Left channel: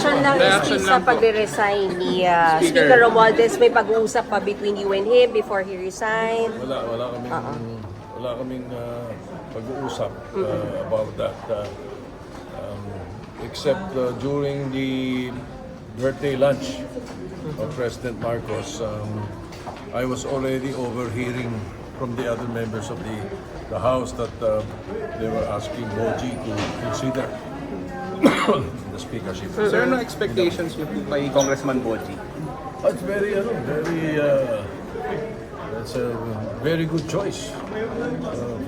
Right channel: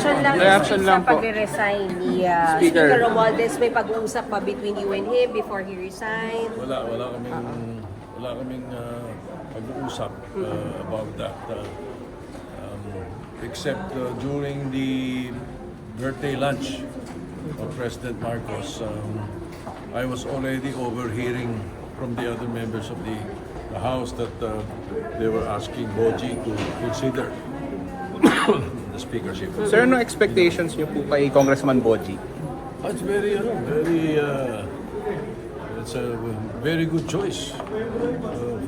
reaction ng Reaction SP sa lang po. pagre-resign ni Speaker. Speaker Romualdez? May pag-uusap pa between you and him before he resigned? Wala kaming pag-uusap about that. Except during the birthday lunch of President Marcos, I was already overhearing from the other members of the House that they were asking Boji to consider the speakership. Sir, no expectations niyo po kay Congressman Boji? It's it's a very good choice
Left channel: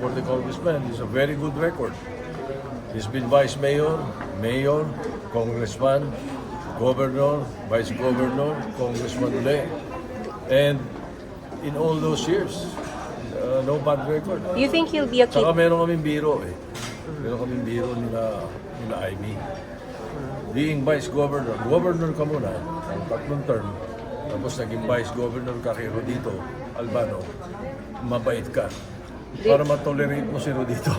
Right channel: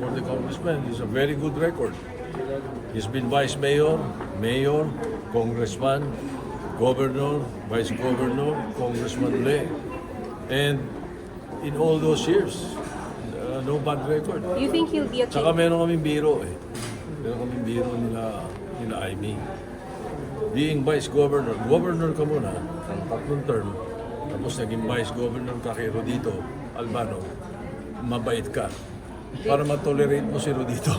for the congressman. He's a very good record. He's been vice mayor, mayor, congressman, governor, vice governor, congressman uli. And in all those years, no bad record. You think he'll be a Saka meron kaming biro eh. Meron kaming biro nila Amy. Being vice governor, governor ka muna, ang tatlong term, tapos naging vice governor ka kay Rodito Albano, mabait ka. Para ma-tolerate mo si Rodito.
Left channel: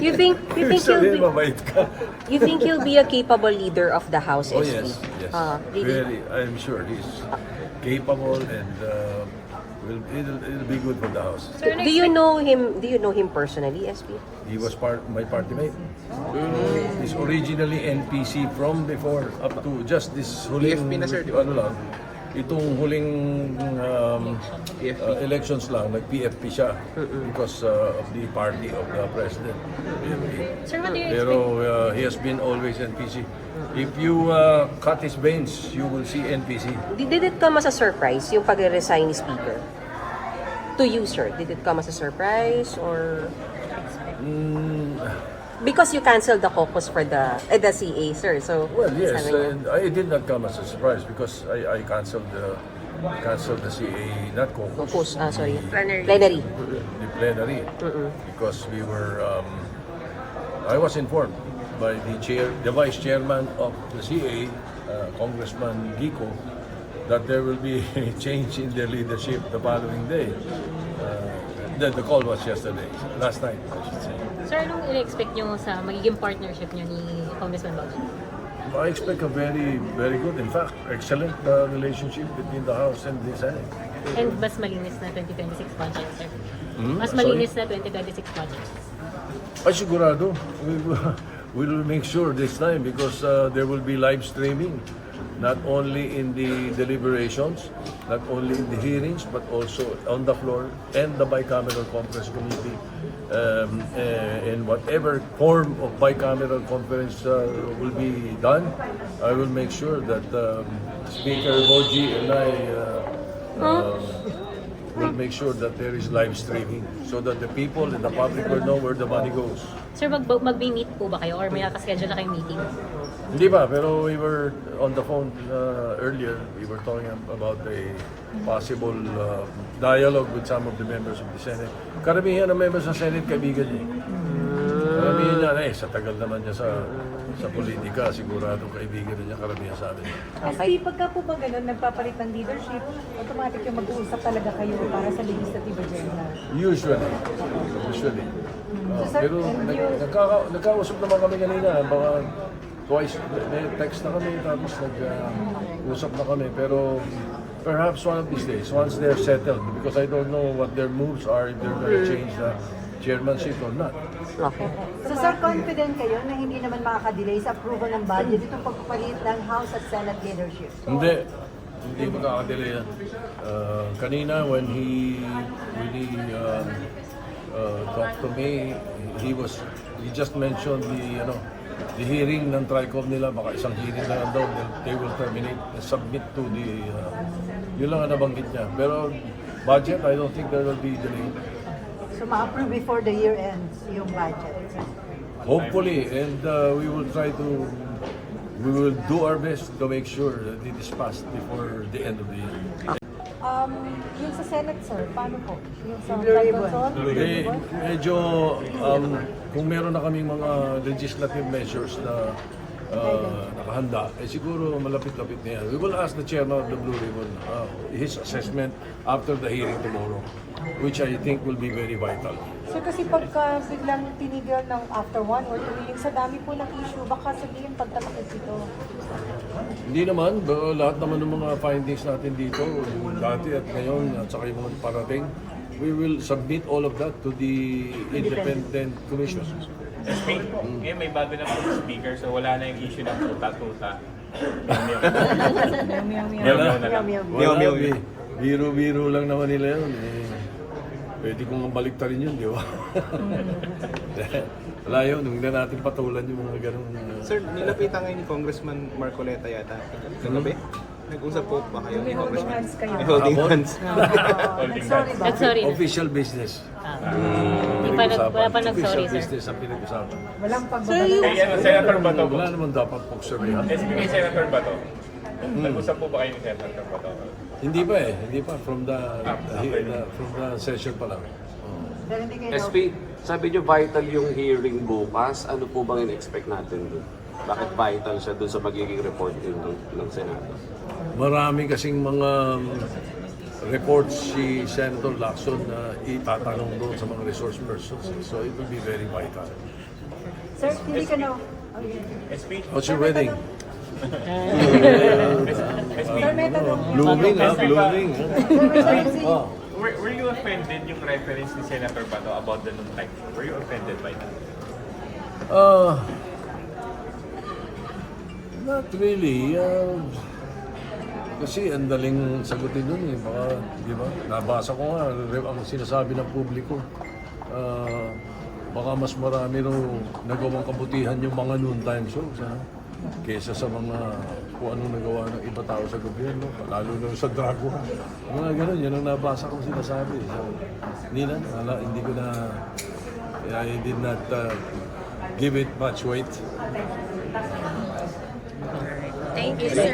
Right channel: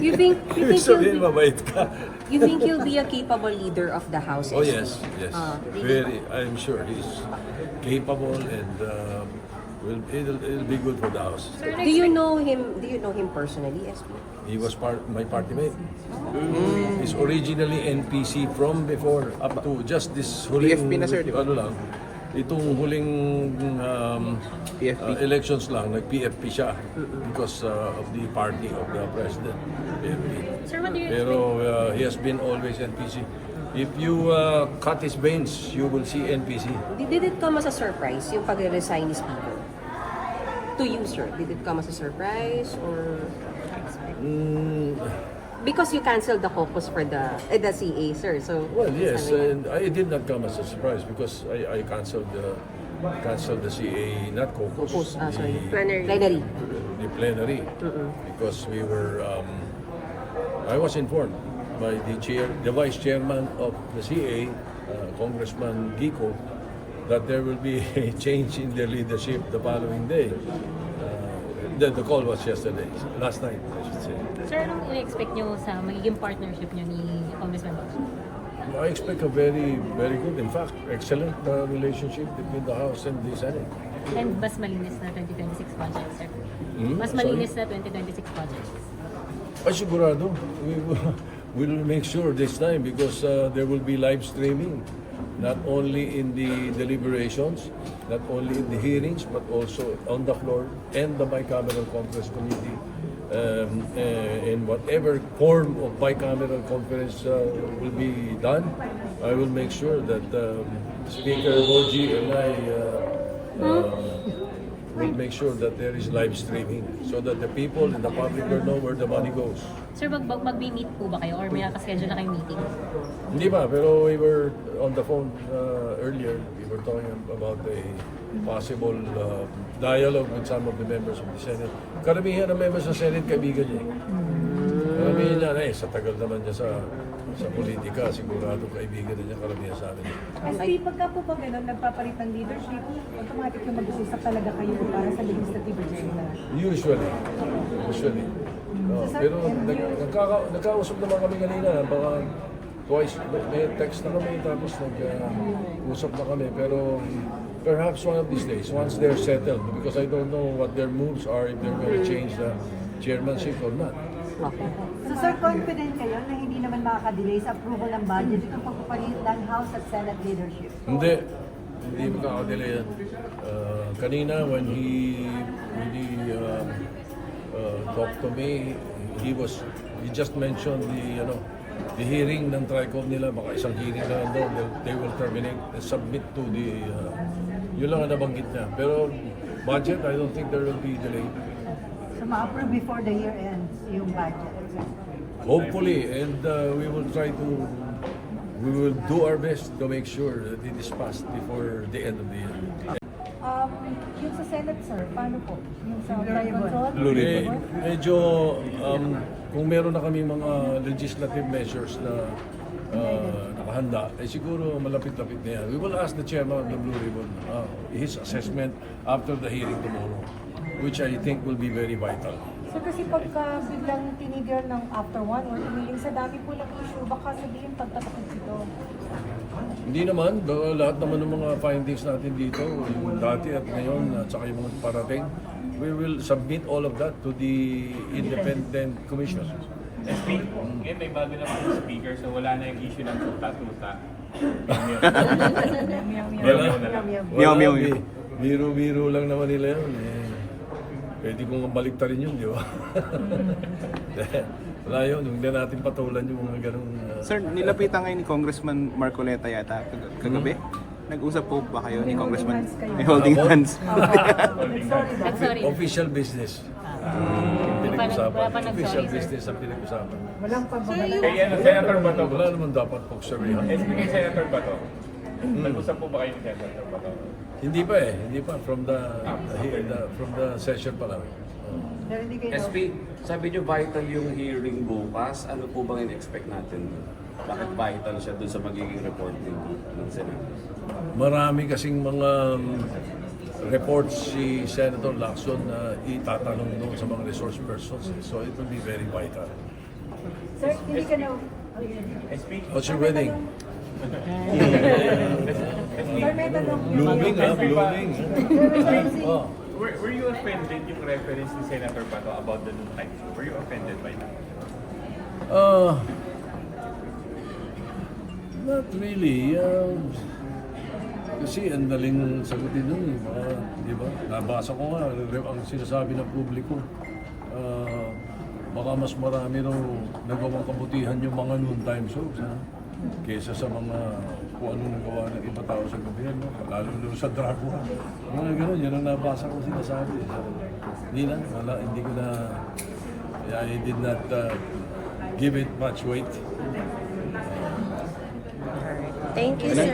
You think Ibig sabihin, mabait ka. you think he'll be a capable leader of the House? Oh SP? yes. Very, I'm sure he's capable and it'll be good for the House. Do you know him? Do you know him personally, SP? He was my party mate. He's originally NPC from before up to just this huling PFP na, sir, di ba? ano lang. Itong huling PFP. elections lang, nag-PFP siya because of the party of the president, PFP. Sir, what do you Pero he has been always NPC. If you cut his veins, you will see NPC. Did it come as a surprise yung pag-resign ni Speaker? To you, sir, did it come as a surprise or because you canceled the caucus for the CA, sir? So Well, yes, and I did not come as a surprise because I canceled the CA, not caucus. sorry, plenary. The plenary, because we were. I was informed by the vice chairman of the CA, Congressman Gico, that there will be a change in the leadership the following day. The call was last night, I should say. Sir, anong i-expect nyo sa magiging partnership nyo ni Congressman Boji? I expect a very, very good, in fact, excellent relationship between the House and the Senate. And mas malinis na 2026 budget, sir? Mas Sorry? malinis na 2026 budget. Ay, sigurado. We will make sure this time because there will be live streaming, not only in the deliberations, not only in the hearings, but also on the floor and the bicameral conference committee. And whatever form of bicameral conference will be done, I will make sure that Speaker Boji and I will make sure that there is live streaming so that the people and the public will know where the money goes. Sir, mag-meet po ba kayo or may nakaschedule na kayong meeting? Hindi ba, pero we were on the phone earlier. We were talking about a possible dialogue with some of the members of the Senate. Karamihan ng members ng Senate, kaibigan niya. Karamihan niya, sa tagal naman niya sa politika, sigurado kaibigan niya karamihan sa amin. SP, pagka po ba ganun, nagpapalit ng leadership, automatic yung mag-uusap talaga kayo para sa legislative agenda? Usually. Pero nagkausap naman kami kanina, baka twice, may text na kami, tapos nag-usap na kami. Pero perhaps one of these days, once they're settled, because I don't know what their moves are, if they're going to change the chairmanship or not. Okay. So sir, confident kayo na hindi naman makaka-delay sa approval ng budget itong pagpapalit ng House at Senate leadership? Hindi makakadelay yan. Kanina, when he talked to me, he just mentioned the hearing ng TRICOM nila, baka isang hearing na lang daw, they will terminate and submit to the, yun lang ang nabanggit niya. Pero budget, I don't think there will be delay. So ma-approve before the year ends yung budget? Hopefully, and we will do our best to make sure that it is passed before the end of the year. Yung sa Senate, sir, paano po? Yung sa control? Medyo, kung meron na kaming mga legislative measures na nakahanda, siguro malapit-lapit na yan. We will ask the chairman of the Blue Ribbon his assessment after the hearing tomorrow, which I think will be very vital. So kasi pagka biglang tinigil ng after 1 or 2 hearings, sa dami po ng issue, baka sabihin pagtapos ito. Hindi naman, lahat naman ng mga findings natin dito, yung dati at ngayon, at saka yung mga parating, we will submit all of that to the independent commission. Ngayon may bago na po speaker, so wala na yung issue ng tuta-tuta. Wala. Meow, meow. Biro-biro lang naman nila yun. Pwede kong baliktarin yun, di ba? Wala yun, hindi natin patulan yung mga ganong... Sir, nilapitan ngayon ni Congressman Marcoleta yata. Kagabi? Nag-usap po ba kayo ni Congressman? Ni holding Hapon? hands. Nag-sorry na. Official business. Wala pa nag-sorry, Official sir. business ang pinag-usapan. Walang pagbabalang. Senator Bato. Wala naman dapat pokserihan. Kay Senator Bato. Nag-usap po ba kayo ni Senator Bato? Hindi pa eh, hindi pa. From the session pa lang. Oh. Pero hindi kayo SP, sabi nyo vital yung hearing bukas. Ano po bang in-expect natin dun? Bakit vital siya dun sa magiging report din ng Senado? Marami kasing mga reports si Senator Lacson na itatanong doon sa mga resource persons. So it will be very vital. Sir, hindi ka na... How's your wedding? Blooming blooming. Oh. Were you offended yung reference ni Senator Bato about the like? Were you offended by that? Not really. Kasi ang daling sagutin nun eh. Baka, di ba? Nabasa ko nga, ang sinasabi ng publiko. Baka mas marami raw nagawang kabutihan yung mga noon time shows. Kesa sa mga kung anong nagawa ng iba tao sa gobyerno, lalo na sa drug war. Mga ganun, yun ang nabasa ko sinasabi. Hindi na, hindi ko na, I did not give it much weight. Thank you, sir.